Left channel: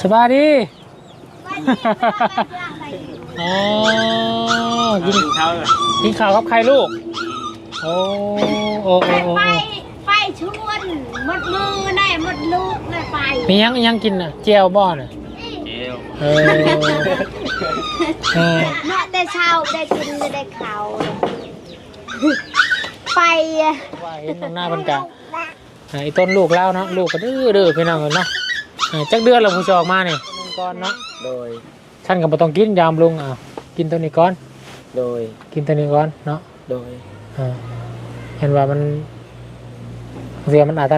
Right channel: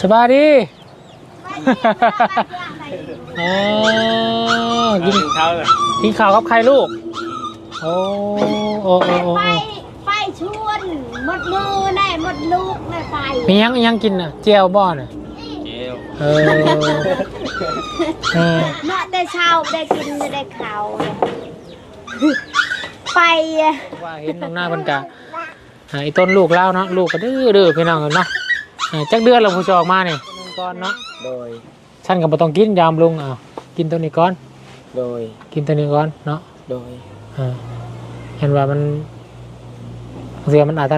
สบายดีอ๋อกินเขาเลยกินข้าวกับใครลูก โอ้โอ้โอ้โอ้ไฟไฟชวนหมดมือแน่หมดลูกแน่ไฟมียังยังกินอะเจียวบ่อน่ะเจียวเออเออเนาะได้เช้าได้กินได้เขาไฟอะว่าเห็นตรงหน้าเพิ่นกะไอ้ต้นลูกเล่าเนาะลูกก็ดื้อดื้อพี่น้องกันเนาะเออ จักเดือนเราผู้ชออกมานี่ก่อนเนาะโดยท่านก็บ่ต้องกินยามลุงอะกินตัวนี้ก่อน โดยกินตัวนี้ก่อนเนาะโดยเออเห็นว่ามันเสียมันอาจจะ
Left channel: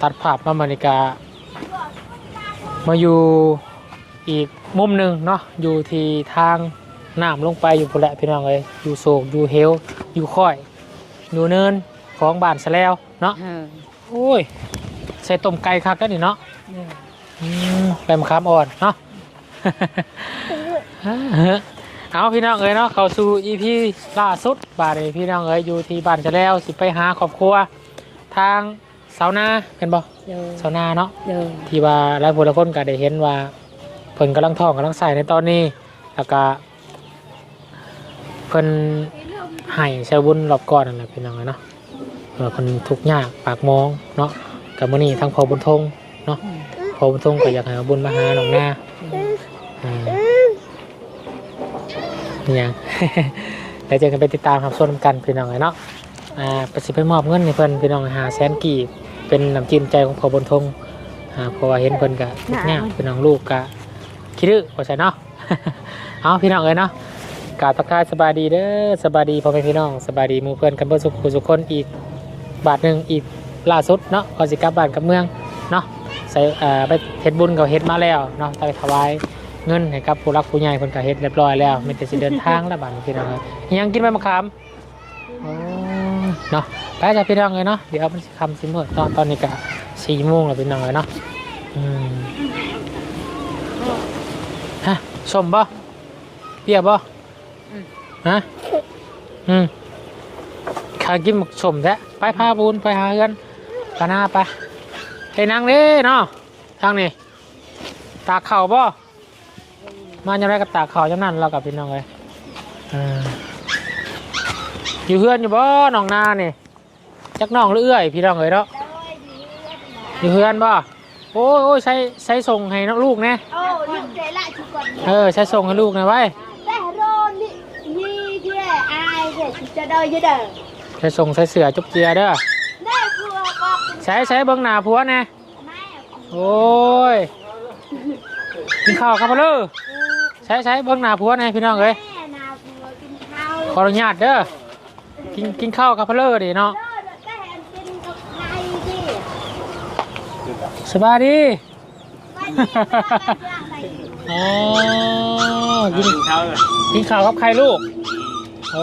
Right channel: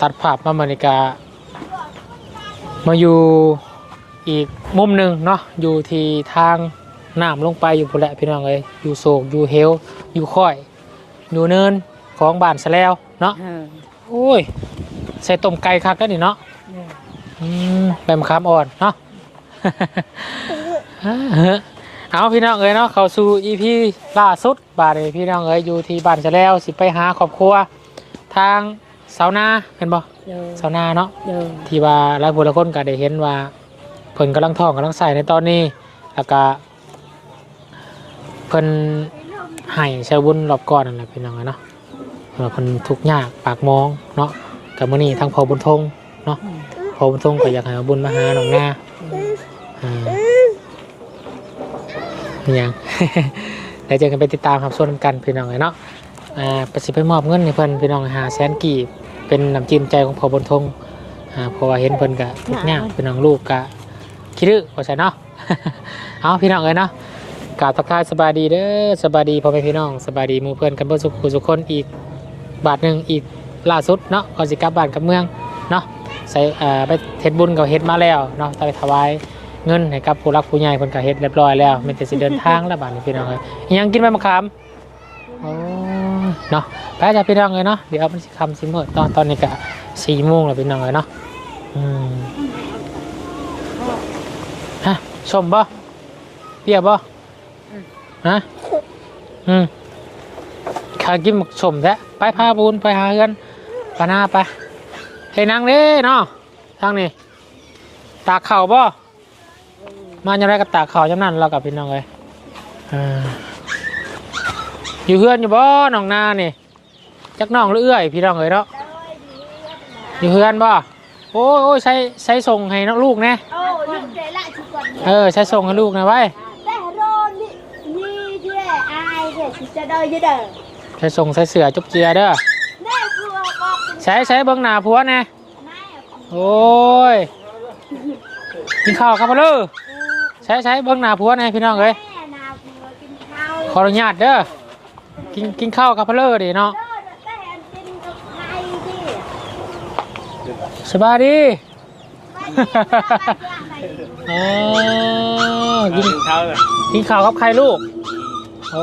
ตัดภาพมาบรรยากาศมาอยู่อีกมุมหนึ่งเนาะอยู่ที่ทางน้ำลงไปอยู่คนแหละพี่น้องเลยอยู่โศกอยู่เฮลอยู่ค่อย อยู่เนินของบ้านซะแล้วเนาะโอ้ยใส่ต้มไก่คักแล้วนี่เนาะอืมแบมคามอ่อนเนาะเอาพี่น้องเอ้ยเนาะเข้าสู่อีพีล่าสุดบ้านนี้พี่น้องเอ้ยอยู่ที่บ้านซะแล้วสิไปหาครอบครัว ทาง สาวนาเห็นบ่สาวนาเนาะที่ว่าหลายคนหลายคนก็ได้เห็นว่าเพิ่นกำลังท้องกำลังใส่ในตอนนี้แล้วก็เพิ่นให้ชาวบุญรอบก่อนนั่นแหละเป็นยังไงเนาะเออเพิ่นทุกข์ยากปากมองเนาะกับมื้อนี้ทางพอบุญทงเนาะพอบุญทงก็อยากให้เอาบุญมาหาหนองหน้าอ่าอหยังเดี๋ยวเจะกันไปติดตามรับชมกันพี่น้องเนาะ อ่าประสิไปมอบเงินให้เพิ่นพี่น้องหาแสนกีบเป็นน้ำจิ้มใจของพอบุญทงอ่าเพราะว่าเห็นเพิ่นกะทุกอย่างพี่น้องลูกกะคิดดื้อว่าใช่เนาะ เอาพี่น้องเลยเนาะกราบทักทายสบายดีเด้อสบายดีพ่อแม่พี่น้องสบายดีหมือเพื่อนกันเพื่อสุขสุขคนอีกบาทหนึ่งอีกล่าสุดเนาะก่อนสิกลับบ้านกลับเมืองเนาะใส่อ่าไปเฮ็ดบุญกับเฮ็ดมาแล้วเนาะไปถวายเงินให้กับผู้รักผู้ใหญ่เพิ่นก็เฮ็ดเรียบร้อยแล้วมีแต่สิเดินทางแล้วบาดนี้พี่น้องเอ้ยอิหยังกินไหมมะขามอ๋อ เนาะไปจ้ะพี่น้องเลยเนาะเดี๋ยวครับมันสิคำสิหมดตอนตอนนี้ก็สี่โมงแล้วพี่น้องเลยเนาะอืมฮะชมบ่เรียบบ่ฮะอืมขายกินหมกชมแท้ไปพาบุญไปหาเงินปาหน้าไปให้นางเด้เนาะทางนี้ตากเข่าวบ่มาอย่างไรกับตากเข่าวจังนั้นเรากับพี่น้องเลยอ่า อยู่เพื่อนอยู่บ่น้องนานี่จักน้องหรือเอื้อยพี่น้องเลยเนาะอยู่เพื่อนบ่โอ้ยโอ้ยใช้ใช้ส่งให้น้องลูกนะโอ้ยกเลยละทุกคนเออใช้ส่งให้ลูกนะไว้แต่โดนนี่นี่เด้อายเด้อจะเดินจะเดินใช้ส่งใช้เสือจุบเจียเด้อได้พวงออกใช้ใช้เบิ้งหน้าผัวนะไม่โอ้ยกินข้าวครับพ่อเด้อใช้ใช้เบิ้งหน้าผัวนะพี่น้องเอ้ยแม่นาพวงกินข้าวขออนุญาตเด้อ กินกินข้าวกับพ่อเด้อดิเนาะเด้อแต่เห็นกินกับไก่ที่สบายดีไม่ได้ทำอะไรอ๋อกินเขาเลยกินข้าวกับใครลูก โอ้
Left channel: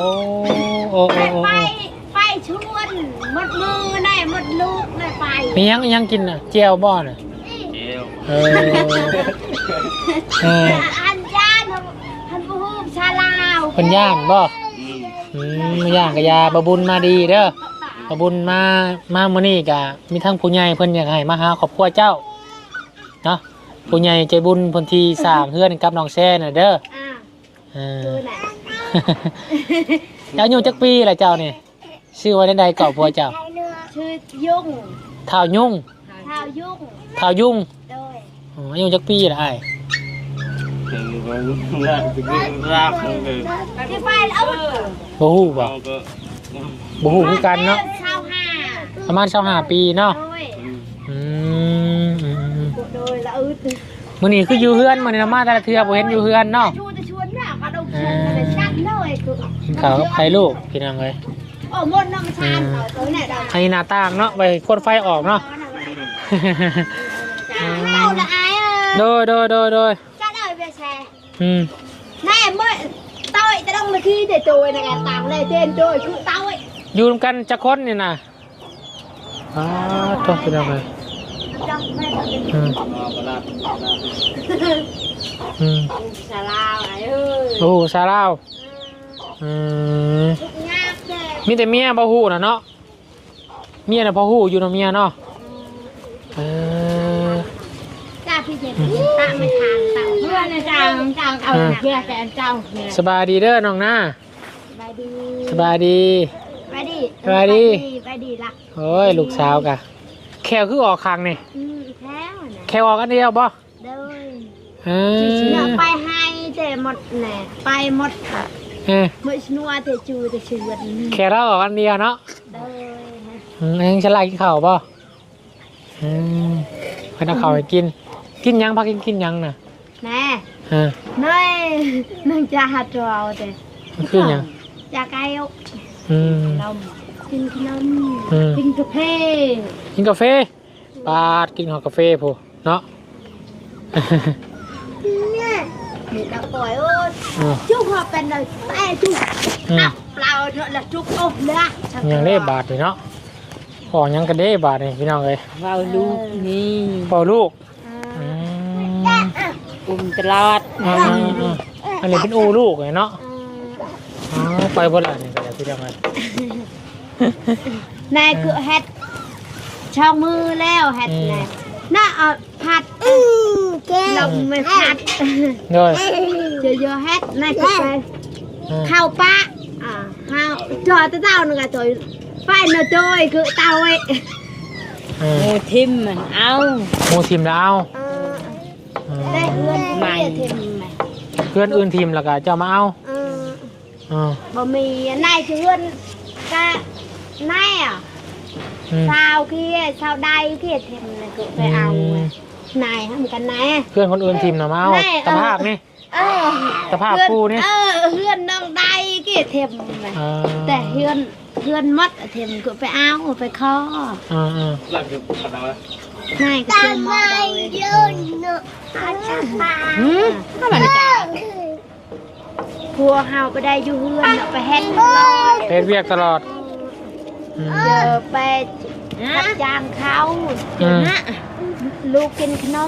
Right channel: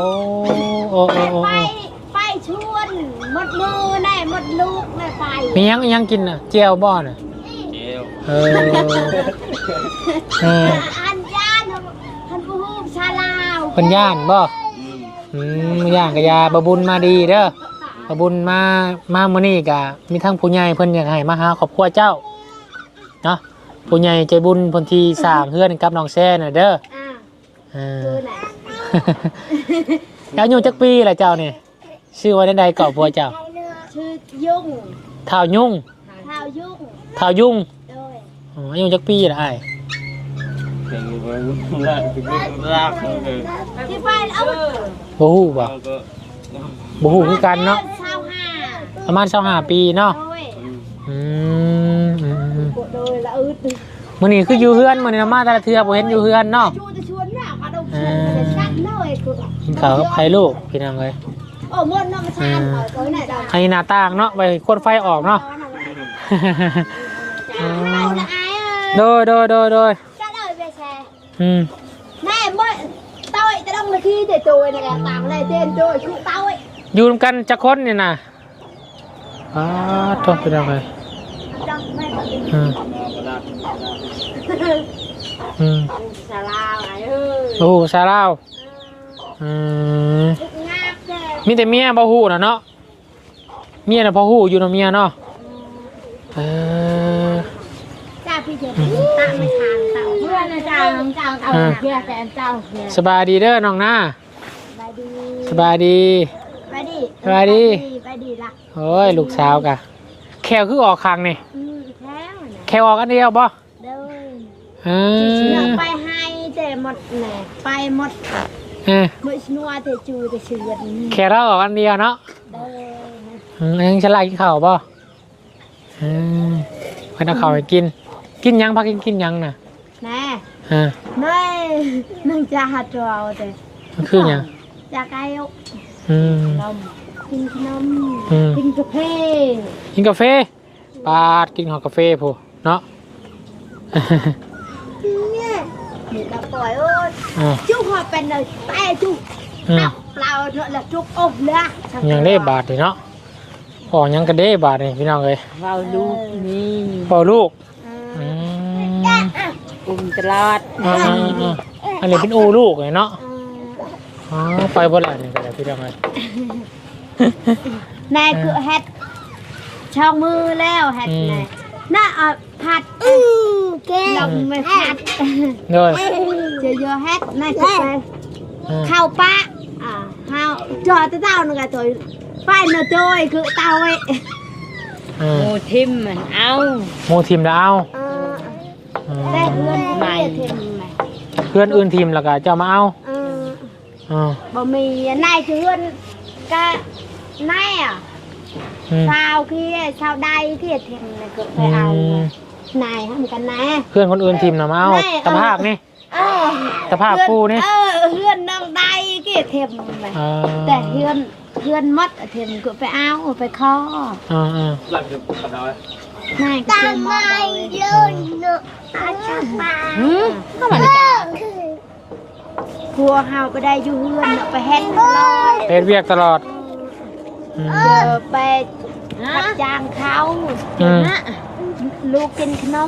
โอ้โอ้ไฟโอ้ไฟชวนหมดมือแน่หมดลูกแน่ไฟมียังยังกินอะเจียวบ่อน่ะเจียวเออเอออันย่านท่านผู้ฮูบชาลาวเป็นย่างบ่อืมอืม ย่างกะยาบะบุญมาดีเด้อบะบุญมามามื้อนี้กะมีทั้งผู้ใหญ่เพิ่นอยากให้มาหาครอบครัวเจ้าเนาะผู้ใหญ่ใจบุญเพิ่นที่สร้างเฮือนกับน้องแซ่น่ะเด้ออ่าเออดูแหละแล้วอายุจักปีล่ะเจ้านี่ชื่อว่าใดๆเก่าผัวเจ้าชื่อยุ่งเท่ายุ่งข้าวยุ่งเท่ายุ่งโดยอ๋ออายุจักปีล่ะอ้ายเก่งอยู่มันยากยากเลยที่ไฟเอาบ่ฮู้บ่เราก็บ่ฮู้คือกันเนาะเช้าห้าประมาณ25ปีเนาะโดยอืมอืมอืมโดยละอึดมื้อนี้คืออยู่เฮือนมื้อนี้มาแต่ละเทื่อบ่เห็นอยู่เฮือนเนาะชูจะชวนเนี่ยเขาต้องชวนมันจะชัดเลยคือกินข้าวกับใครลูกพี่น้องเลยโอ้วนน้ำชาเขาตัวไหนดังให้หน้าต่างเนาะไปคนไฟออกเนาะเอาละไอ้เอโดอยโดยโดยโดยก็เลยไป แชร์อืมแม่เมื่อต้อยจะต้องมาที่เด็ดโดยนะแกต่างเลยเด็ดโดยคือต้อยอยู่นำกันจะคนนี่นะอ้าทบไปแล้วเลยอืมมาโบราณอืมสาลาอะไรเอ้ยโอ้โหซาลาวอืมงามเลยมีแต่เมียบ่ฮู้น่ะเนาะ เมียน่ะพอฮู้อยู่เนาะเมียเนาะเออ จ้าพี่เจมส์ตั้งไม่ทางตั้งเพื่อนเลย จ้าจ้าเอาเพื่อนแฟนเจ้าเพื่อนสบายดีเด้อน้องนาไปดีสบายดีไปดีสบายดีไปดีละโอ้ยลูกสาวกะแควคือออกคางนี่อืมแท้วเนี่ยแควออกอันเดียวบ่เดินเอเชื่ออไปให้แต่หมดแหน่ไปหมดเออเมื่อชนัวแต่จูแต่ชวนนี่แควเราออกอันเดียวเนาะเดินอืมยังฉลาดกินข้าวบ่อืมไปเอาข้าวไปกิน กินหยังพักกินกินหยังน่ะแน่ เออน้อยนึงจะหัดเราแต่มันคือหยังจะไกลอืมนมกินขนมอืมกินกาแฟกินกาแฟปาดกินข้าวกาแฟพูเนาะเนี่ยนี่เราปล่อยเอออ่าจุกหัวเป็นเลยไอ้จุกอืมอะเปล่าเนอะละจุกอกเนื้อยังได้บาทเลยเนาะพอยังก็ได้บาทเลยพี่น้องเลยเราลูกนี่พอลูกอืม อุ้มตลาดอืมอืมอืมอันนี้เป็นอูลูกเลยเนาะอ๋อไปบ่ได้นี่ก็ได้พี่น้องเลยนายคือเฮ็ดชาวมือแล้วเฮ็ดไงน่าเอาผัดแก้วไม่ผัดเด้อเจอเยอะเฮ็ดนายก็เลยอืมข้าวปะอ่าข้าวจอดเต้าหนึ่งอะจอยไฟเนอะจอยคือเต้าไว้อืโอ้มทิมมันเอา หมูทีมดาวเอออืมได้เงิน ใหม่เทมไหมเพื่อนอื่นทีมแล้วก็จะมาเอาเอออืมบ่มีนายคือเงินก็นายอะอืมสาวขี้สาวใดขี้เทมนายคือไปเอาอะนายทำกันแน่เพื่อนคนอื่นทีมน่ะมาเอาไม่สภาพนี่เออสภาพกูนี่เออเฮือนน้องใดขี้เทมไหมอ่าแต่เฮือนเฮือนมัดเทมก็ไปเอาไปคออ่าอ่าหลังจากเขาไว้ให้ตา มไม่ยืนเนอะอาจารย์มาหืมพวกเฮาก็ได้อยู่เฮือนเนอะไปเฮ็ดตลอดเป็นเวียกตลอดอืม เจอไปรับจ้างเขาอืม นะลูกกินขนม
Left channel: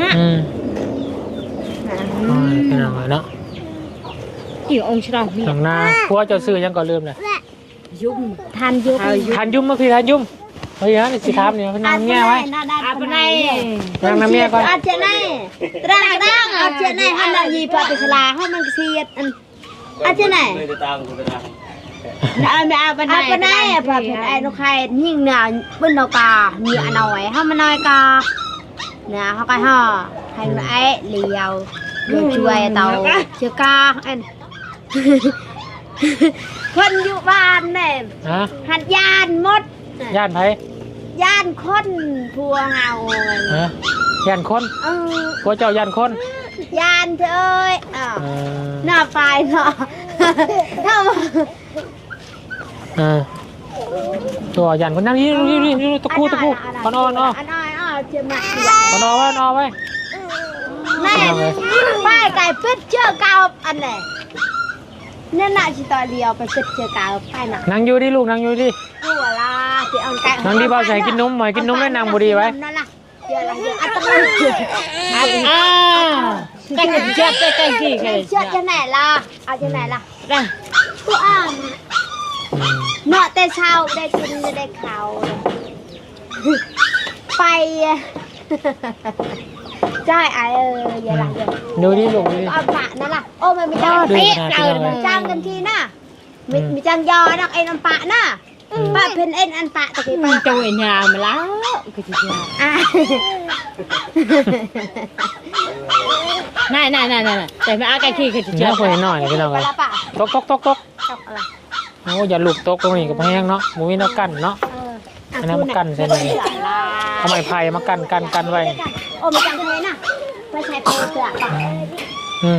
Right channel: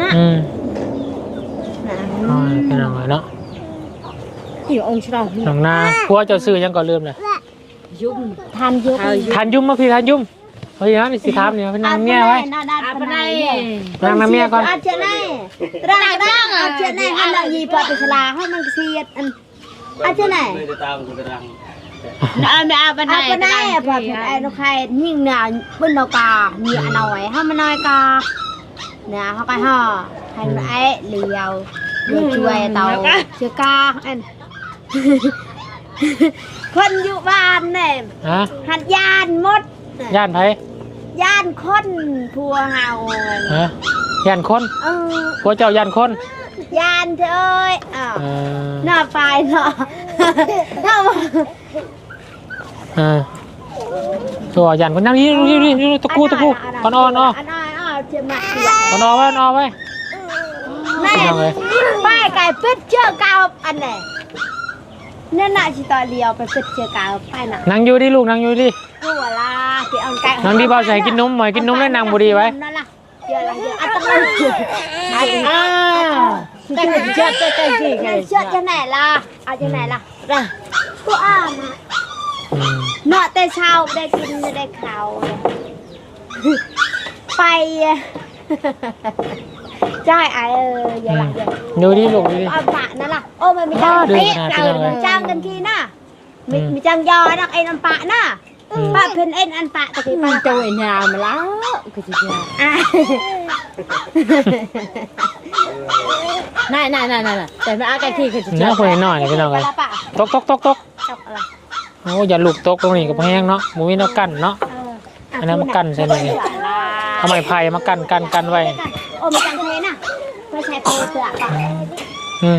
นะอืมนะโอ้ยพี่น้องเลยเนาะอยู่องค์ชราวิน้องนาพัวเจ้าซื้อยังก่อนลืมเลยยุ่มทานเยอะทานยุ่มมาพี่ทานยุ่ม เฮ้ยนะนี่สิครับเนี่ยพี่นางเมียไว้อาปนัยไปนางเมียก่อนอาเจนัยร่างร่างอาเจนัยฮันนายีปฏิสลาให้มันเสียดอันอาเจนัยไม่จะตามจะตามเอาไปเอาไปอาปนัยอะปฏิไอ้ลูกใครยิ่งเนี่ยเป็นดอกกาเนี่ยหน่อยให้มันน้อยกาเนี่ยเขาก็ห่อให้มันไอ้เลียวเดี๋ยวช่วยเตาเชือกาอันคนอยู่บ้านเนี่ยฮะหัดยานหมด ย่านไผยานคนพัวเฮาฮะย่านคนเออพัวเจ้าย่านคนยานเธอเอ้ยอ้าวเออหน้าไฟเนาะหน้าเออตัวย่านคนนั่งอยืนยืนยืนยืนตะกูตะกูพอนอนเนาะอันน้อยอ้าวเจ็บมากพอนอนไว้นอนไว้แม่ป้ายไก่เป็ดเชือกเกาอันไหนนั่นน่ะชิตอเลียวไปเป็ดเชือกเกาไปน่ะ นั่งอยู่ดิลูกนั่งอยู่ดิ กูอะล่ะที่เอาไก่นั่งดิบ่าวใส่กินนมหน่อยกินนมได้นางบุรีไว้นั่นน่ะเดี๋ยวละเดี๋ยวอัตมาเชือกอ่าตั้งเจ็ดเจ็ดเจ็ดสี่เชืเจ็อดกจะไหนล่ะเอาจะไหนล่ะกูอ่านเนาะแต่เช้าได้กินไม่ได้ข้าวไปอะใช่ไอเอออย่าหลังเดี๋ยดูดิลูกดูดิเอาปะนั่นล่ะโอ้มันมีจ้างเรื่องพี่ขนาดเอที่เราอจ้างกันทีน่ะมีจ้างยอนักเอ็นอันปะน่ะ ปะเพิ่นเอ็นอันปะตะกี้มัปะนจังไอ้ยามาแล้วก็จะเจออะนั่นนั่นนั่นนั่นแต่ไม่เอาไก่ที่ก็จะเจเนื้ออคุยหน่อยพี่น้องไปเลยละปะตกตกตกตกจบอะไรโอ้อย่าลูกตกตรงนี้กับแห้งเนาะมันมีนกกันเนาะเอออันนั้นมันกันใช่ไหมเอาไม้ไผ่มากันกันกันไว้โอ้มาจากทะเลน่ะไม่ใช่ปูเสือปะอืม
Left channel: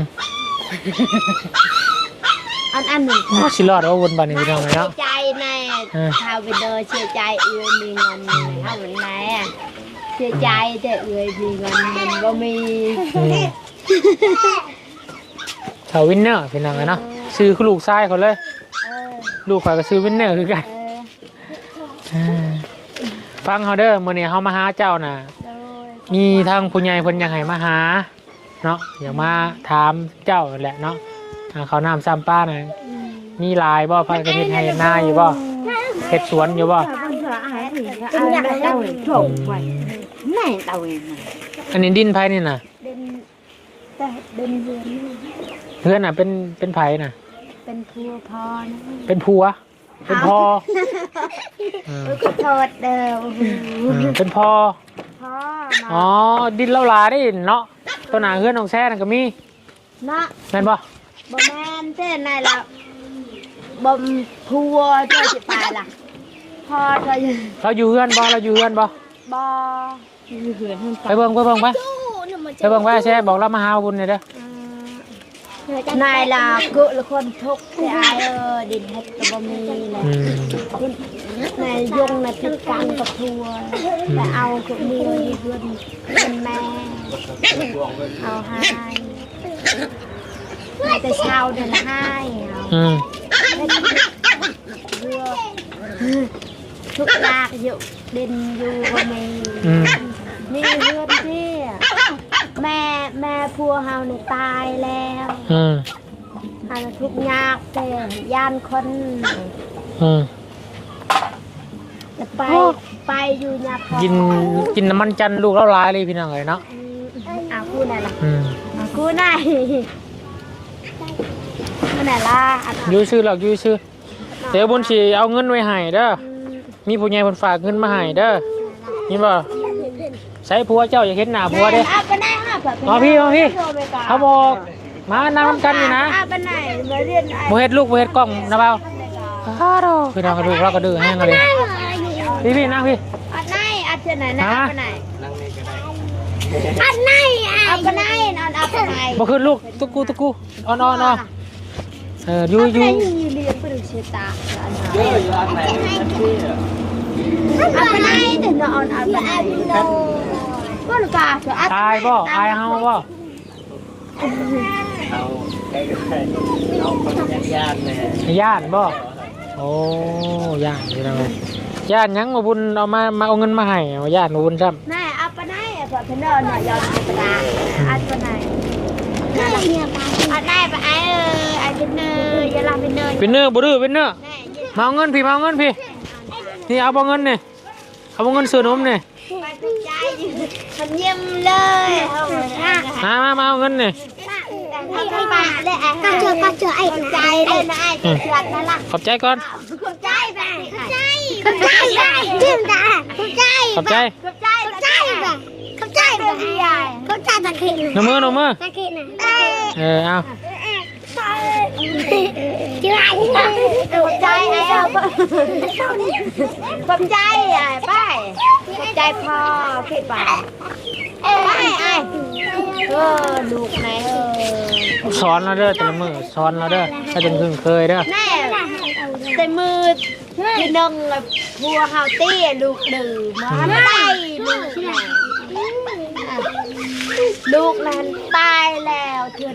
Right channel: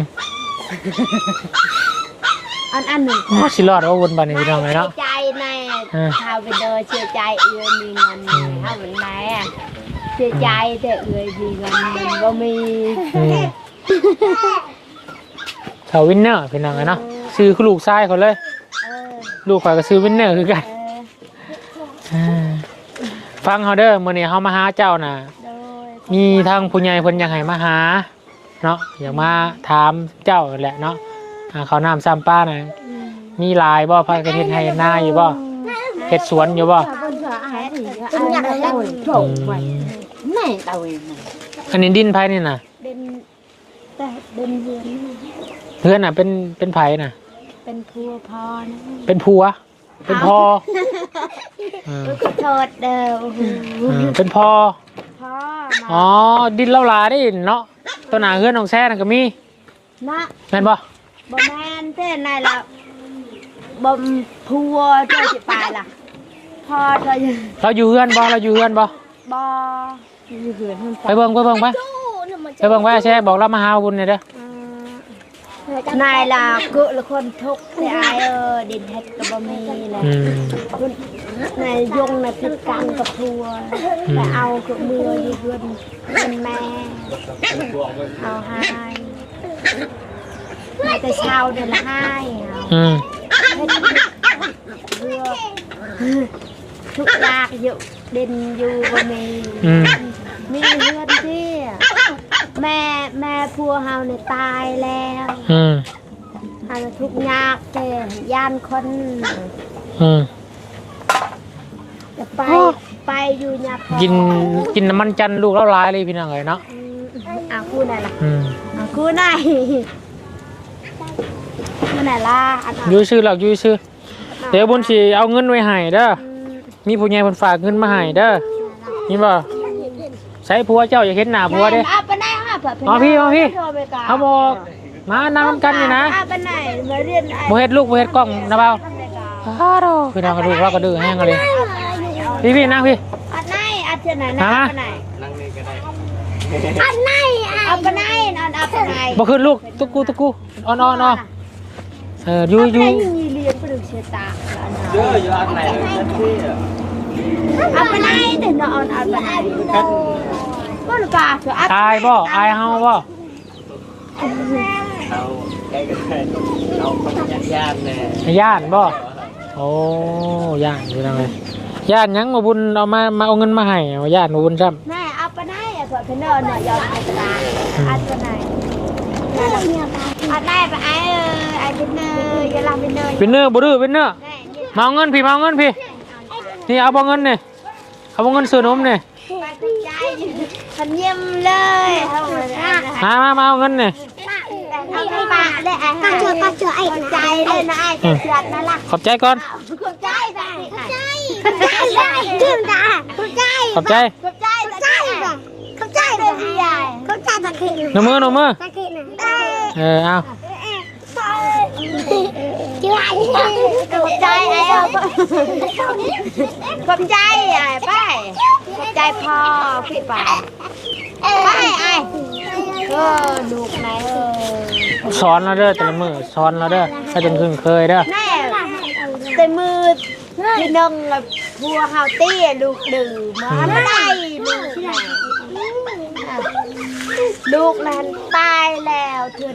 อันอันหนึ่ง สิรอดเอาวนบันนี้พี่น้องเลยเนาะใจในชาววินเดอร์เชื่อใจเอือมีเงินเท่าไหร่อะเชื่อใจแต่เอือมีเงินมันก็มีอืมสาววินเนอร์พี่น้องเลยเนาะซื้อคือลูกชายเขาเลยเออลูกข่อยก็ซื้อวินเนอร์คือกันเอออ่าฟังเขาเด้อมื้อนี้เฮามาหาเจ้าน่ะโดยมีทางผู้ใหญ่เพิ่นอยากให้มาหาเนาะอยากมาถามเจ้าแหละเนาะอ่าเขาวน้ำซ้ำป้าน่ะมีหลายบ่เพิ่นก็เฮ็ดให้หน้าอยู่บ่ เฮ็ดสวนอยู่บ่ถ้าเพิ่นจะให้ thì ai đã đâu อื trộm ม mày này tao em อันนี้ดินไผนี่น่ะ bên đây bên vườn เพื่อนน่ะ เป็นเป็นไผน่ะ bên cua pho เป็นผัว เป็นพ่อเออ nó thọt đều เออเป็นพ่อ pho อ๋อ ดินเล่าหลาได้เนาะตัวหนาเฮือนของแซ่น่ะก็มี nó แม่น บ่ bom men thế này là bom thua cho chị tài là pho cho เราอยู่เฮือนบ่เราอยู่เฮือนบ่ bo ไปเบิ่งไปเบิ่งไปไปเบิ่งไปแซ่บอกเรามาหาบุญหน่อยเด้อ này là cự là con thúc thì ai ơ đi hết cái bom mì อื này ม này dùng là cái căng กับ thua là ao của mưa đi vườn vườn mẹ ao hai hai cái sau này là hai ao อืม thuốc lạc dụ đền dù và mình อื มมีเลือดเชี่ยแม่แม่พัวเฮาเนี่ยตายแล้วอืมอันทุกข์ยากแต่ย่านคนอืมจะไปไปอยู่ยากกินกินน้ำมันจันทร์ลูกแล้วหลายเลยพี่น้องเอ้ยเนาะอะกูไหนล่ะอืมกูไหนกู ไหนล่ะอันนั้นอยู่ซื้อหรอกอยู่ซื้อเดี๋ยวบนสิเอาเงินไว้ให้เด้อมีผู้ใหญ่คนฝากเงินมาให้เด้อนี่บ่ใส่ผัวเจ้าอย่าเห็นหน้าผัวเด้เอาไปไหนเอาไปไหนมาพี่มาพี่โทรไปก่อนเขาบอกมานั่งกันอยู่นะเอาไปไหนมาเรียนไอ้บ่เฮ็ดลูกบ่เฮ็ดกล้องนะเบาคือทางกระดูกเราก็ดื้อแห้งเลยพี่พี่นั่งพี่อันไหนอันไหนนะฮะอันไหนนั่งนี่ก็ได้อันไหนเอาไปไหนนอนเอาไปไหนบ่ขึ้นลูกตุกกูตุกกูอ่อนๆเนาะเอออยู่อยู่ Apa yang dilihat perlu cerita? ชื่ออยู่อันไหนนั่นชื่อ Apa naik tu nak on apa naik? Mana pak tu? อายบ่อายเฮาบ่เอาใกล้ๆเอาคนยักษ์ย่านเลยญาติบ่โอ้ญาติอยู่ทางไหนญาติหยังมาบุญเอามามาเอาเงินมาให้ว่าญาติมาบุญซ้ำ Naik apa naik? Apa kena nak jawab apa naik? Apa naik apa air? Air bener, jelah bener. เป็นเนื้อบ่ดื้อเป็นเนื้อมาเอาเงินพี่มาเอาเงินพี่พี่เอาบ่เงินนี่เอาบ่เงินซื้อนมนี่ Thành nhâm lời. มามามาเอาเงินนี่ Apa pak? Le ai? Kacau kacau ai? Kacau le nak ai? Kacau nak lah. ขอบใจก่อน Kacau cai bang. Kacau cai. Kim dah. Kacau. ขอบใจ ใจเข้าใจตะเคียนลงมือลงมือตะเคียนได้เออเอาชื่อะไรตกใจแล้วผมใจอะป้าใจคอผิดไปป้าเออดูไหมซ้อนแล้วเด้อแต่มือซ้อนแล้วเด้อถ้าจนขึ้นเคยเด้อแต่มือดึงแบบบัวเฮาตี้ลูกดึงมาได้มือที่ไหน ngọt kìa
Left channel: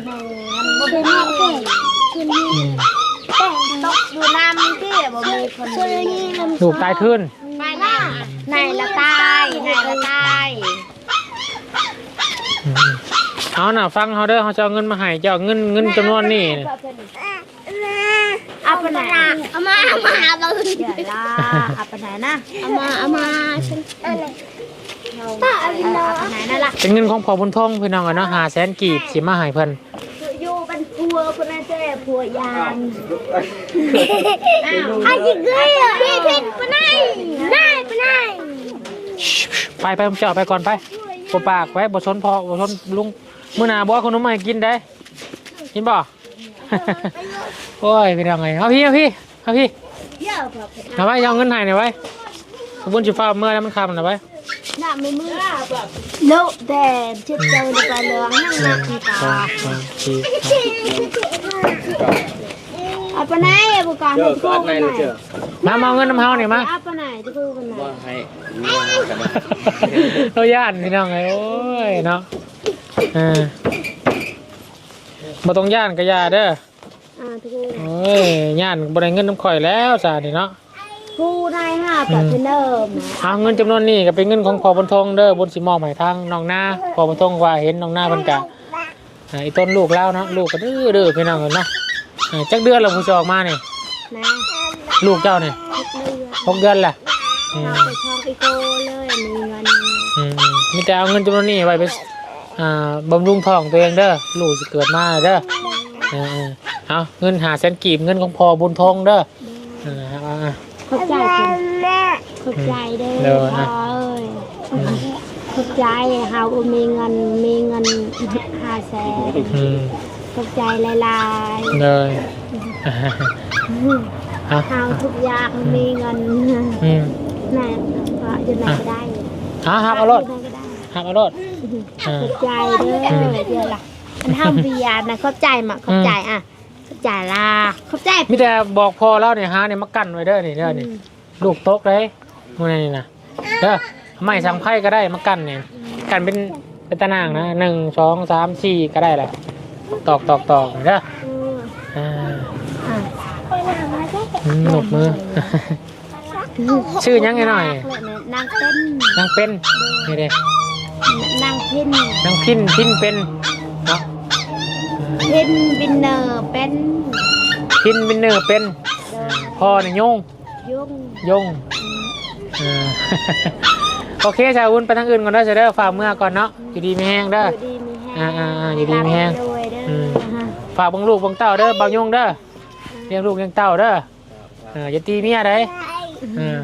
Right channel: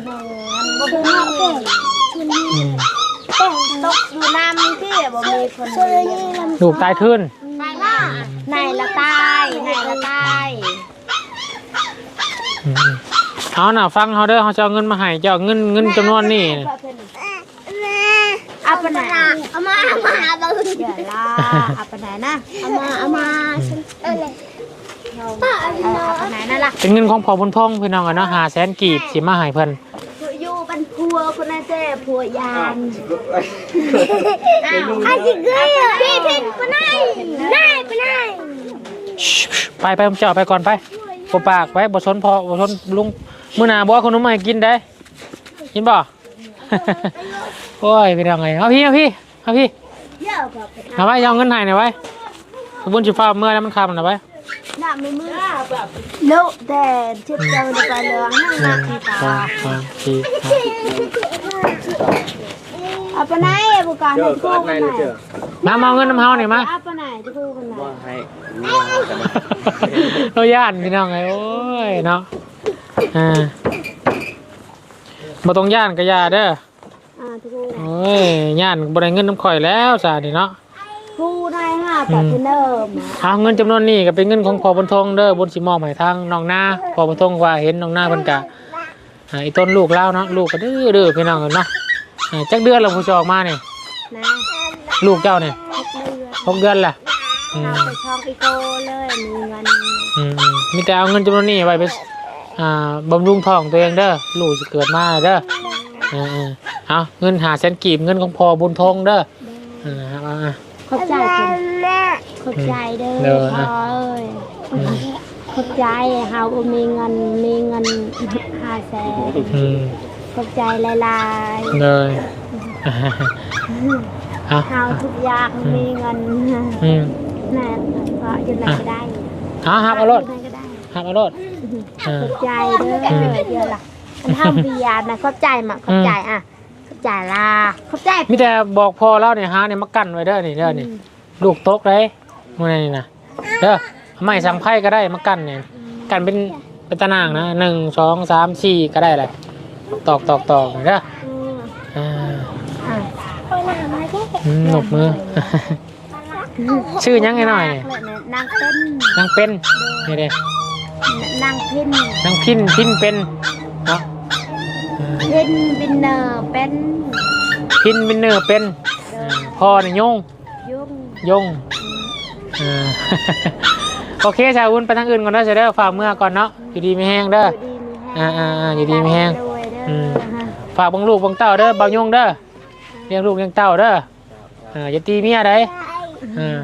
อืมต้องตกอยู่น้ำที่บ่มีคนช่วยนี่ลำลูกตายขึ้นไปนะนายละตายนายละตายเอาหน่ะฟังเขาเด้อเขาจะเอาเงินมาให้เจ้าเงินเงินจำนวนนี่เอาไปไหนเอามาเอามาเราเดี๋ยวละเอาไปไหนนะเอามาเอามาฉันเออ เอาไปไหนนั่นล่ะเป็นเงินของพ่อบุญทองพี่น้องอะเนาะหาแสนกีบสิมาให้เพิ่นอยู่กันพัวคนนั้นเจ้พัวยานอาจิเกยพี่พี่ปไหนไหนไปไหนไปไปผมจะเอาไปก่อนไปบ่ปากไปบ่สนพ่อบ่สนลุงมื้อหน้าบ่เอาขนมมาให้กินได้กินบ่ โอ้ยพี่น้องเอ้ยเอาพี่เอาพี่เอาพี่เยอะแบบเอาไว้เอาเงินให้หน่อยไว้ขบุญสิฟ้าเมื่อแล้วมันคำหน่อยไว้ น่ะไม่มือโลแต่เจ็บเจ้าไปเหลืองนั่งหนักที่ตาสองสามสี่เอาไปไหนบุการเจให้อทุก็กอัคนนไหนไหนเลยเจอมามาเอาเงินน้ำเฮาหน่อยมาเอาไปไหนทุกคนไหนว่าให้ว่ากันนะเราย่านพี่น้องไงโอ้ยเนาะเออบ่ต้องย่านก็ย่าเด้ออ่าทุกคนโอ้ยย่านบ่ได้เงินน้ำข่อยแล้วซานี่เนาะพู ผู้นายห้าปัตเนอร์เอาเงินจำนวนนี้ก็เป็นเงินของพอบนทงเด้อบนสิมอบให้ทางน้องหน้าพอบนทงว่าเห็นน้องหน้าเพิ่นกะอ่าอีต้นลูกแล้วเนาะลูกก็ดื้อดื้อพี่น้องเนาะอ่าจักเดือนแล้วผู้จะออกมาเนี่ยนะลูกเจ้าเนี่ยทุกเดือนหกเดือนแหละอืมเอาไปช่องอีโกเลยมีเงินอืมมีแต่เอาเงินจำนวนนี้ไว้ไปอ่าบำรุงท้องตัวเองเด้อลูกจะเกิดมาเด้อเออๆเอาเงินหาแสนกีบเงินของพอบุญทงเด้อเออเอาอะ ขอบใจคุณขอบใจเด้เด้ออพ่อเอ้ยขอบใจเฮามีเงินมีเงินห้าแสนอืมขอบใจหลายเลยอะๆเฮาทุกอย่างมีเงินอืมแม่ก็อยู่ไหนก็ได้หาหับเอารถยู่ไหนก็ได้หับเอารถขอบใจเด้อเดี๋ยวล่ะมันทำเบียร์นะขอบใจมาขอบใจอะ ขอบใจล่ะขอบใจมีแต่บอกพอแล้วเนี่ยหาเนี่ยมากั้นไว้เด้อนี่เด้อนี่ลูกโต๊ะเลยพวกนี้นะเด้อไม่สั่งไพ่ก็ได้มากั้นเนี่ยกั้นเป็นเป็นตารางนะหนึ่งสองสามสี่ก็ได้เลยตอกตอกตอกเด้ออืมอ่าอะอืมหนกมือชื่อยังไงหน่อยนางเป็นนางเป็นนี่เด้นางพินนางพินพินเป็นเนาะ อืมพินบินเนอร์เป็นพินเป็นเนอร์เป็นเดินพ่อเนี่ยโยงยุ่งยงเออ โอเคชาววุ้นไปทางอื่นก่อนเด้อเสียเด้อฝากเมื่อก่อนเนาะอยู่ดีไม่แห้งเด้อ อยู่ดีมีแห้งอ่าอ่าอยู่ดีมีแห้งรวยเด้ออืมฮะฝากบังลูกบังเต้าเด้อบางยงเด้อเลี้ยงลูกเลี้ยงเต้าเด้ออ่าอย่าตีเมียได้เออ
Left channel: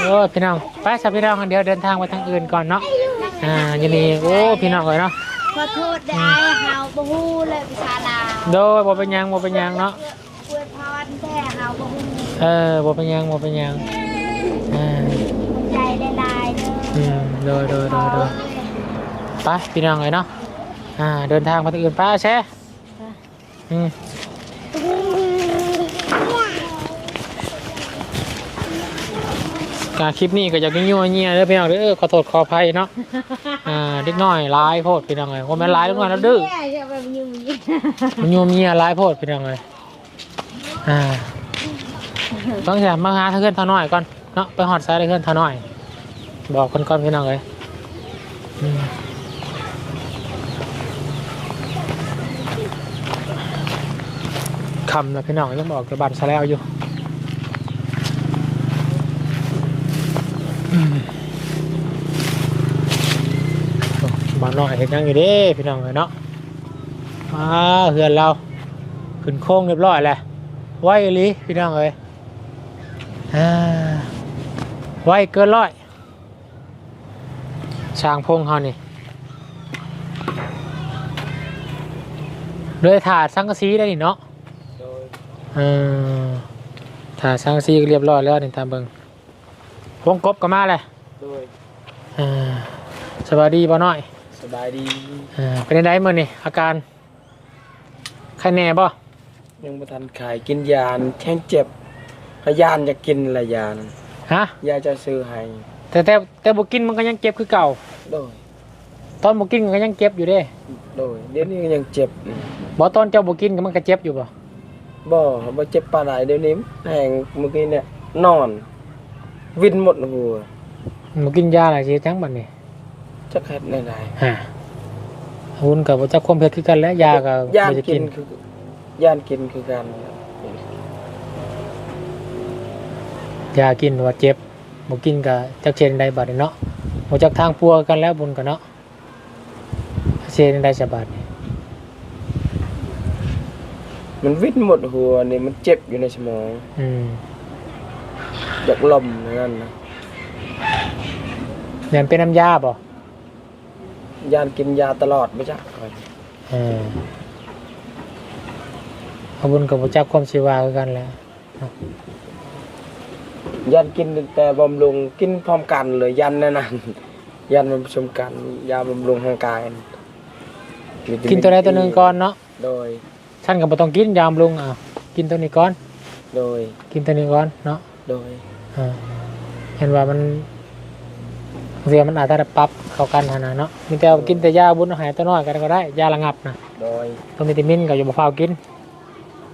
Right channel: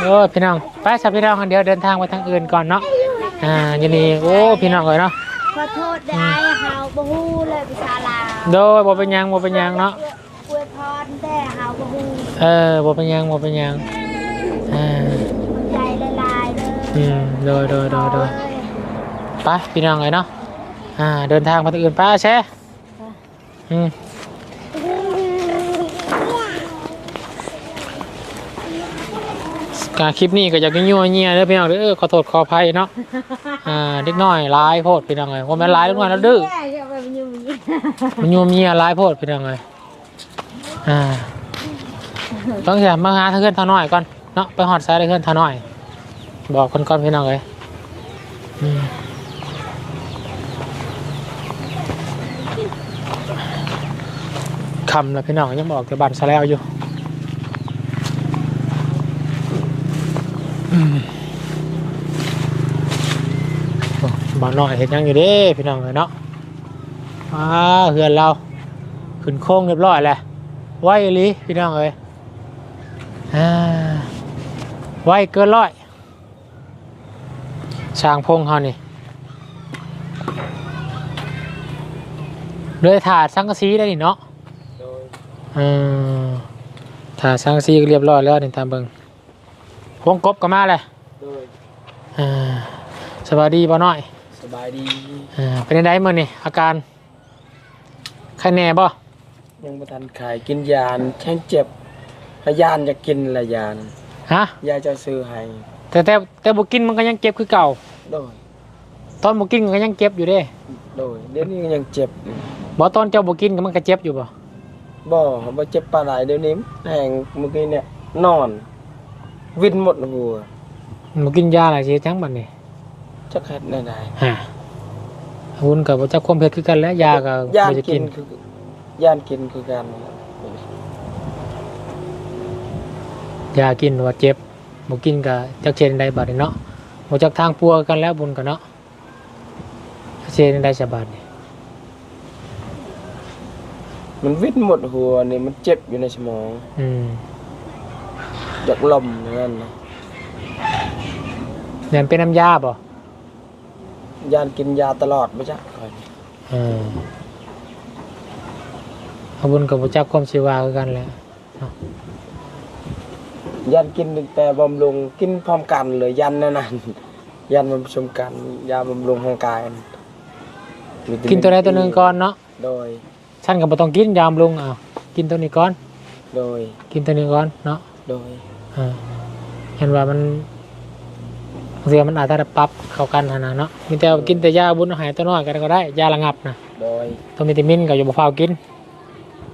โอ้พี่น้องไปสับพี่น้องกันเดี๋ยวเดินทางไปทางอื่นก่อนเนาะอ่าอยู่นี่โอ้พี่น้องเลยเนาะ ขอโทษได้เฮาบ่ฮู้เลยภาษาลาวโดยบ่เป็นหยังบ่เป็นหยังเนาะอวยพรแต่เฮาบ่ฮู้เออบ่เป็นหยังบ่เป็นหยังเออใจได้หลายเด้ออืมโดยโดยโดยโดยไปพี่น้องเลยเนาะอ่าเดินทางมาที่อื่นไป้าแช่อืม การคลิปนี้ก็อยากยั่วเงียเด้อพี่น้องเด้อเออขอโทษขออภัยเนาะอ่าเด็กน้อยร้ายโพดพี่น้องเลยว่าแม่นร้ายเด็กน้อยแล้วดื้อแม่จะแบบยุ่งยิ่งมันยั่วเมียร้ายโพดพี่น้องเลยอ่าต้องอย่ามาหาเพื่อนเท่าน้อยก่อนเนาะไปหอดซ้ายเพื่อนเท่าน้อย บอกคนก่อนพี่น้องเลยอืมคำแล้วพี่น้องยังบอกจะบันซะแล้วอยู่อืมโอ้ บ้านน้อยเห็นยังอยู่เด้พี่น้องเนาะอ่าเฮือนเรา ขึ้นโค้งเรียบร้อยแล้วไหวอีหลีพี่น้องเอ้ยอ่าไหวเกินร้อยช่างพงเขานี่เลยถาดสังกะสีได้นี่เนาะโดยเออถ้าสร้างซีก็เรียบร้อยแล้วนี่ตามเบิง วงกบก็มาเลยโดยเออสวัสดีบ่น้อยสบายดีเออเป็นไงมื่อนี่อาการใครแน่บ่ยังบ่ทันขายกินยานแข้งเจ็บพยานจะกินละยานฮะยาจะซื้อให้แต่แต่แต่บ่กินมันก็ยังเจ็บคือเก่าโดยตอนบ่กินมันก็ยังเจ็บอยู่เด้โดยเดี๋ยวนี้ยังเจ็บบ่ตอนเจ้าบ่กินก็มันก็เจ็บอยู่บ่บ่บ่เจ็บปานใดเดี๋ยวนี้แหงเมื่อกี้เนี่ยนอน วินหมดหัวบ่กินยาอะไรสิจังบัดนี้จักเฮ็ดได้ไดฮะหุ่นก็บ่จักความเผ็ดคือกันแหล้วยาก็ยานบ่ได้กิกินนคือยานกินคือกันยากินว่าเจ็บบ่กินก็จักเช่นใดบัดนี้เนาะบ่จักทางปัวกันแล้วบุญกันเนาะเช่นใดสบาดนี้มันวินหมดหัวนี่มันเจ็บอยู่ในสมอง อืม อยากลมนั่นนะเนี่ยเป็นน้ำยาบ่ยานกินยาตลอดบ่จักค่อยเออขอบคุญกับพระเจ้าความชีวาคือกันแหละยันกินแต่บำรุงกินพร้อมกันเลยยันแน่นอนยันมันผสมกันยาบำรุงร่างกายกินตัวใดตัวหนึ่งก่อนเนาะโดย ท่านก็บ่ต้องกินยามลุงอะกินตัวนี้ก่อนโดย กินตัวนี้ก่อนเนาะโดย เออเห็นว่ามันเสียมันอาจจะปรับเข้ากันหั่นนะเนาะมันจะกินแต่ยาบุญหายตัวน้อยกันก็ได้ยาระงับนะโดยตัววิตามินก็อย่าบ่ฟ้าวกิน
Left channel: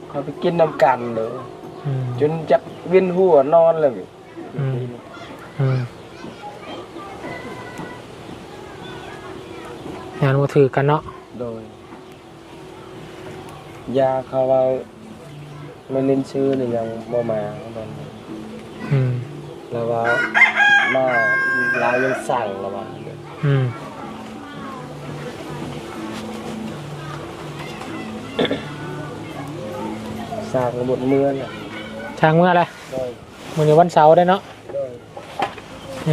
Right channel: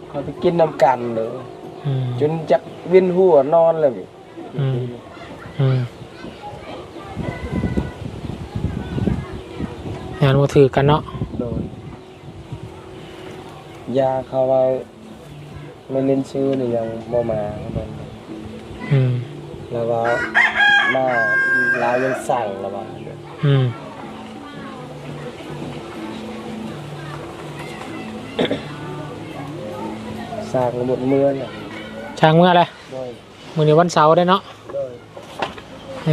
เขาไปกินน้ำกันเลยออืมจนจักเวียนหัวนอนเลยอืมอืมงานมาถือกันเนาะโดยยาเขาไว้ไม่เน้นซื้อนี่ยังบ่มาโดน อืมแล้วว่ามาลาวยังสั่งแล้วว่าอืมสั่งหมดเมืองอะช่างเมื่ออะไรโดยมื้อนี้วันเสาร์ได้เนาะโด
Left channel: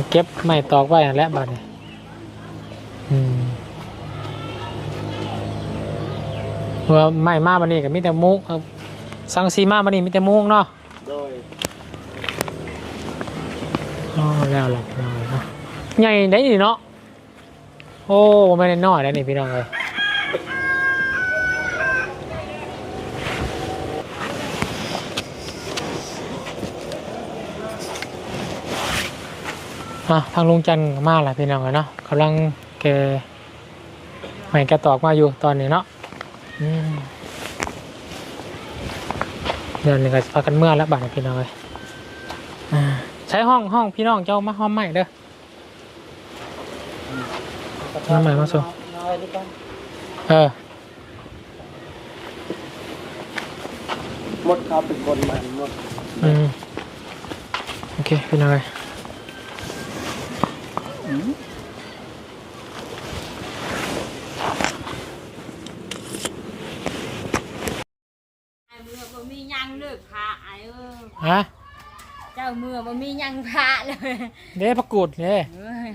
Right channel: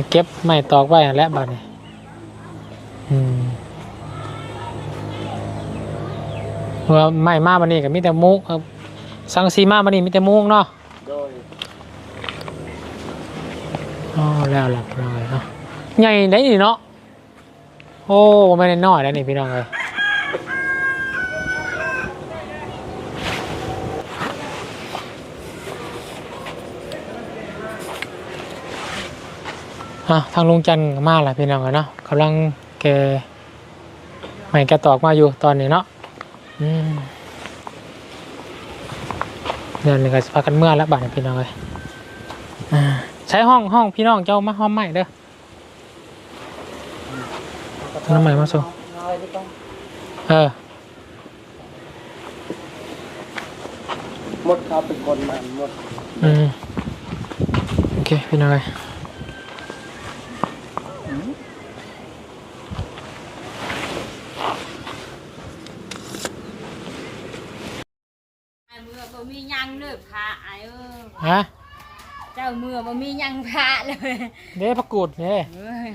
ยเก็บไม้ตอกไว้แล้วบัดนี้อืมว่าไม้มาบัดนี้ก็มีแต่มุกเอ่อสังสีมาบัดนี้มีแต่มุกเนาะ โดย อ๋อแล้วหลักเลยเนาะใหญ่ได้นี่เนาะโอ้ไม่ได้น้อยแล้วนี่พี่น้องเลยอะทางลุงจันทร์ก็มาแล้วพี่น้องเลยเนาะกำลังแกใหม่แกตอกมาอยู่ตอนนี้เนาะอืมเดี๋ยวนี้ก็จะพากันเมื่อแล้วบ่ายพี่น้องเลยอ่า ใช้ห้องห้องพี่น้องเจ้ามาห้องใหม่เด้อ น้ำใหม่มาส่ง น้อยดีกว่าเออหมดเขาเป็นคนมันหมดอืมโอเคพี่น้องเลยเมื่อบ่มียังเลิกพระไอ้เออฮะ เจ้าเมื่อบ่มียังพระเลยเด้พักกูดเด้เอ้ย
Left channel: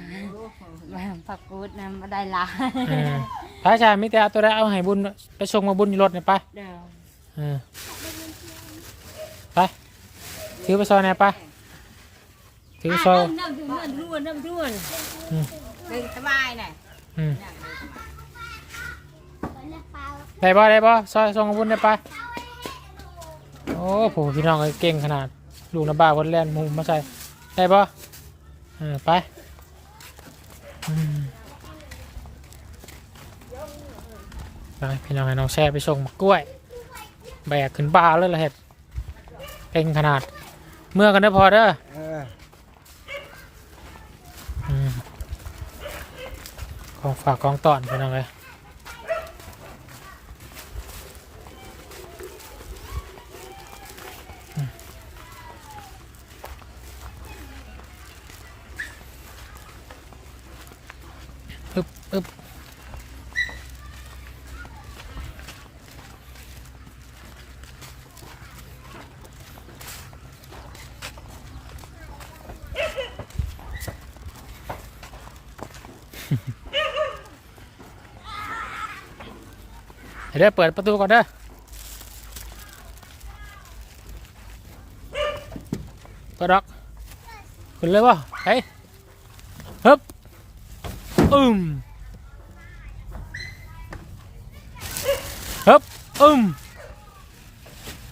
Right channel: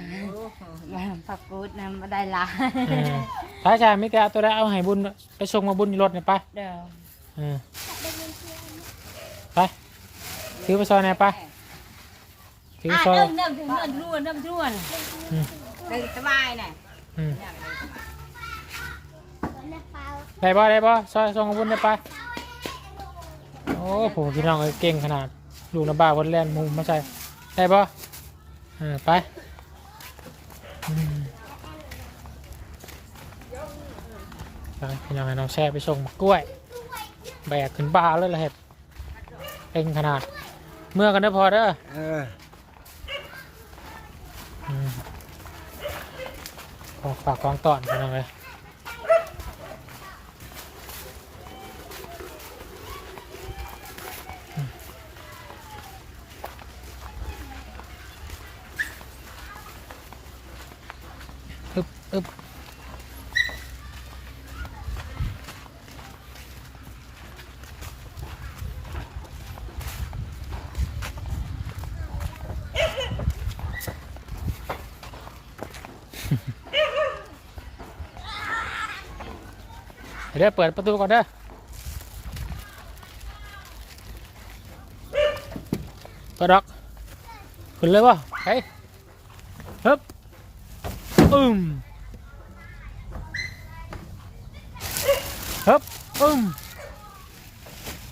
มาพักกูดนะมาได้หลายเออพระอาจารย์มิแต่เอาตัวได้เอาให้บุญไปส่งมาบุญอยู่รถเนี่ยไปเด้อเออไปถือไปซอยไหนไปถือไปอะซอยเริ่มเริ่มถึงเริ่มร่วนเริ่มร่วนอืมเดินสบายเนี่ยอืมได้บ่ได้บ่ซอยส่งมาบุญได้ไปโอ้โหพี่น้องเอ้ยเก่งขนาด ลูกน้ำบ้าวันแลนหมุมมาใส่ได้บ่เออไปอืมไปพี่น้องให้น้องแช่ไปส่งมะกล้วย แบกขึ้นบ้าเลยละเห็ดเต็งขนาด เมื่อกันได้อพอเด้อเอออืมของฝากของตอนพี่น้องเลยอืม อึบเดี๋ยวเปิดประตูก่อนเด้อเปิดอกขึ้นเลยวะเฮ้ยฮึบอึม ฮึบอึม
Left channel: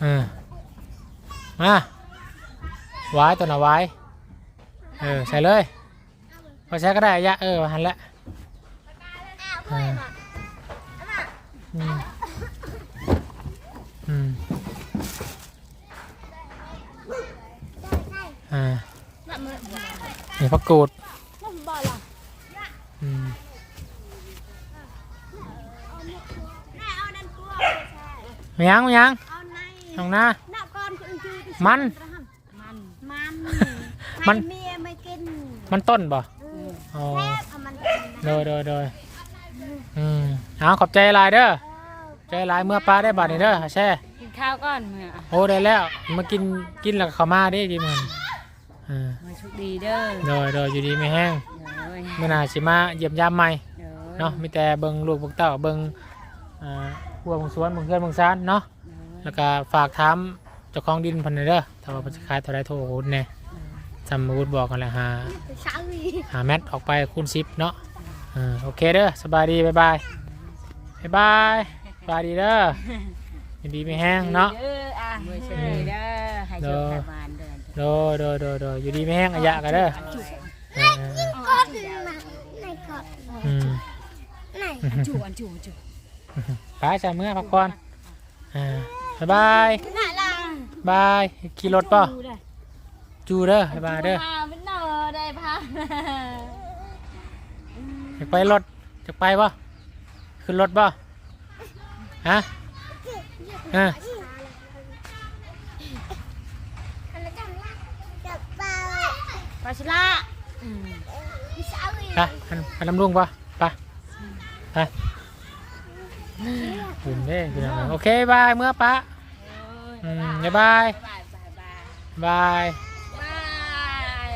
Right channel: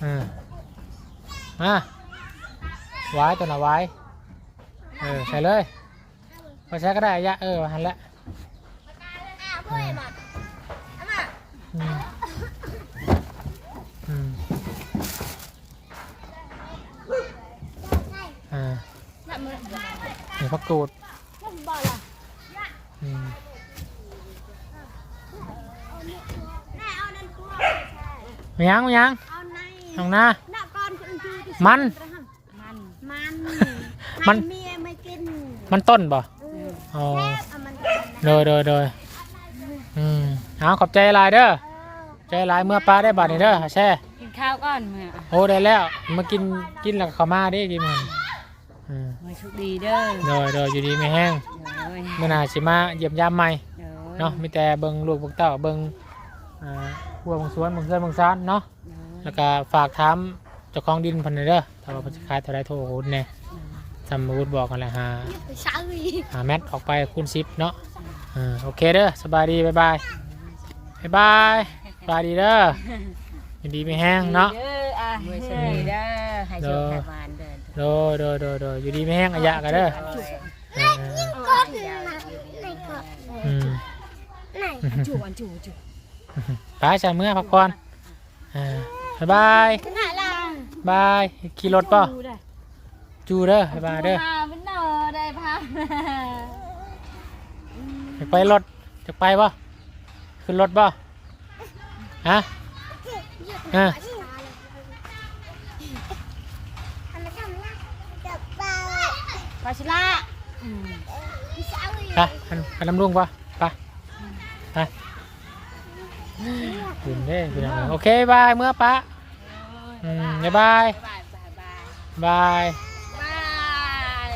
อืมมาไว้ตัวหน่ะไว้เออใส่เลยพอใช้ก็ได้ยะเออหันละอืมอืมอืมอ่านี่พักกูดอืม มายังมายังทางหน้าน่ะก่อนคือคือมัน มันมันมันเมียไม่กินมันต้นป่ะเอออ๋อเอามันโดยโดยโดยอืมเอาขอบใจหลายเด้อใจหลายเมื่อปลาได้บาทนี่เด้อแช่กินข้าวก่อนเมื่อโอ้ได้แล้วมากินกินแล้วก็เข้ามาได้กินมันอ่ามาโชคดีเด้อโดยโดยอยู่ดีไม่แห้งเด้อเมื่อหนาสิมาเยี่ยมยามใหม่เด้อเนาะมีแต่เบิ่งลูกเบิ่งเต้าเบิ่งอ่า หัวเบิ่งสวนเบิ่งเพื่อนเบิ่งซานเนาะเด้อแล้วก็ฝากถามเจ้าของดินเพันเด้อถ้าว่าเพิ่นสิขายเท่าไรโทรโหดแน่จำมาวุฒบอกกันแหละหาช้างวีหาแมทออกไปคูณ10เนาะอ่าโอเคเด้อสบายดีบ๊ายบายบ๊ายบายสบายดีเด้ออยู่ดีไม่แห้งเนาะ เด้ออะมือโชคดีเด้อให้โชคให้บานเด้อโดยโดยโดยโดยอยู่ดีไม่แห้งอายะกันเด้อเออเออเออก็คือในกอดอืม ไหน จูอันจูจู ไปใส่เมื่อพักผ่อนอ่าบ๊ายบายไหนล่ะบายขี่รถป่ะดูได้จูเด้อบ๊ายบายเด้อพาเป็นเนอได้พาอยากไปรถจะไปป่ะขึ้นรถป่ะฮะฮะไปชิละอืมไปอันอันน้ำลุงป่ะไปไป ขึ้นเด้พี่น้องโอเคบายเมื่อปะ อืมบ๊ายบาย บายบายบายบายบาย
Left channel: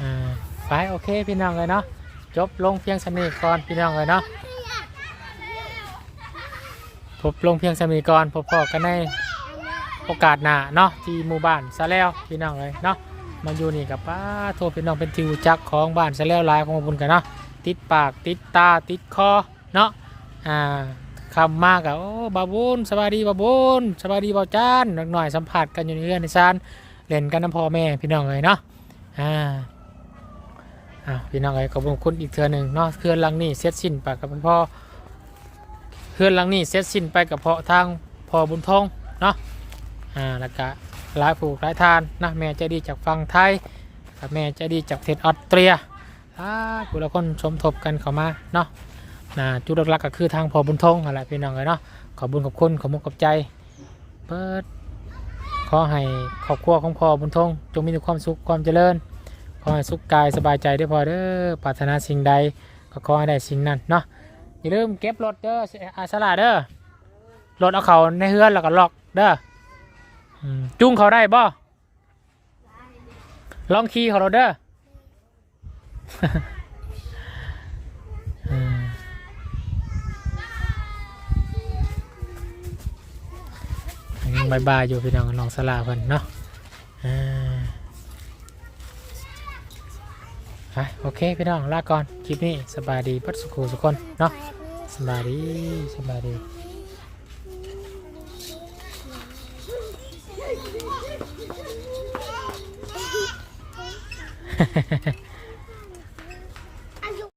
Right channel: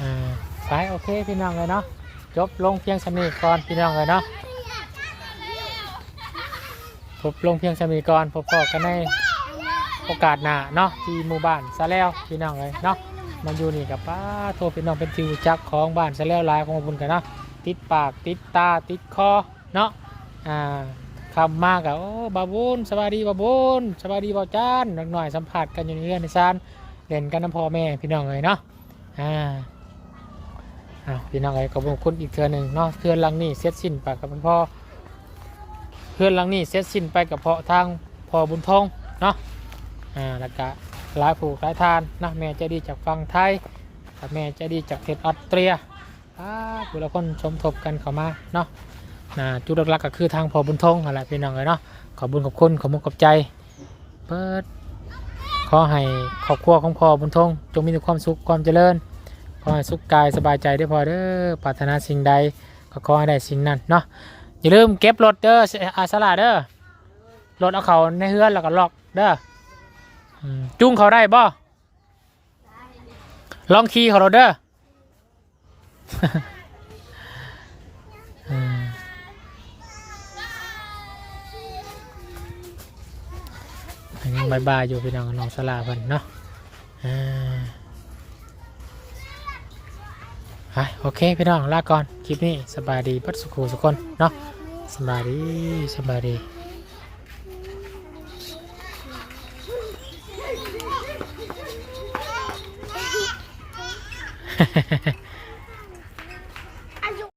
อ่าไปโอเคพี่น้องเลยเนาะจบลงเพียงสำนีก่อนพี่น้องเลยเนาะพบลงเพียงสำนีก่อนพบพอกันในโอกาสหน้าเนาะที่หมู่บ้านซะแล้วพี่น้องเลยเนาะมาอยู่นี่กับป้าโทรพี่น้องเป็นที่รู้จักของบ้านซะแล้วหลายของบุญกันเนาะติดปากติดตาติดคอเนาะ อ่าคำมากอะโอ้บาบุญสบายดีบาบุญสบายดีบาจานหน่อยสัมผัสกันอยู่ในเรือนในซานเล่นกันน้ำพ่อแม่พี่น้องเลยเนาะอ่าอะพี่น้องไอ้ขอบคุณอีกเทือหนึ่งเนาะเพื่อนลังนี่เสร็จสิ้นไปกับพ่อเพื่อนลังนี่เสร็จสิ้นไปกับพ่อทางพ่อบุญทองเนาะอ่าแล้วก็หลายผูกหลายทานนะแม่จะดีจากฝั่งไทยกับแม่จะดีจากเทศออสเตรียอ่าผู้ละคนสมทบกันเข้ามาเนาะ นะจุดหลักๆก็คือทางพอบุญทงอะไรพี่น้องเลยเนาะขอบุญขอบคุณขอมุณขอบใจเปิดขอให้ครอบครัวของพอบุญทงจงมีแต่ความสุขความเจริญ ขอให้สุขกายสบายใจได้พอเด้อปรารถนาสิ่งใดก็ขอให้ได้สิ่งนั้นเนาะอย่าลืมเก็บรถเด้ออาสลาเด้อรถเอาเขาในเฮือนแล้วก็ล็อกเด้อจุ้งเขาได้บ่ลองขี่เขาเราเด้อม ยังบายบายอยู่พี่น้องน้องสลาเพิ่นเนาะอ่าไปโอเคพี่น้องลาก่อนคลิปนี้สบายดีพัดสุขสุขคนเนาะสบายดีสบายดี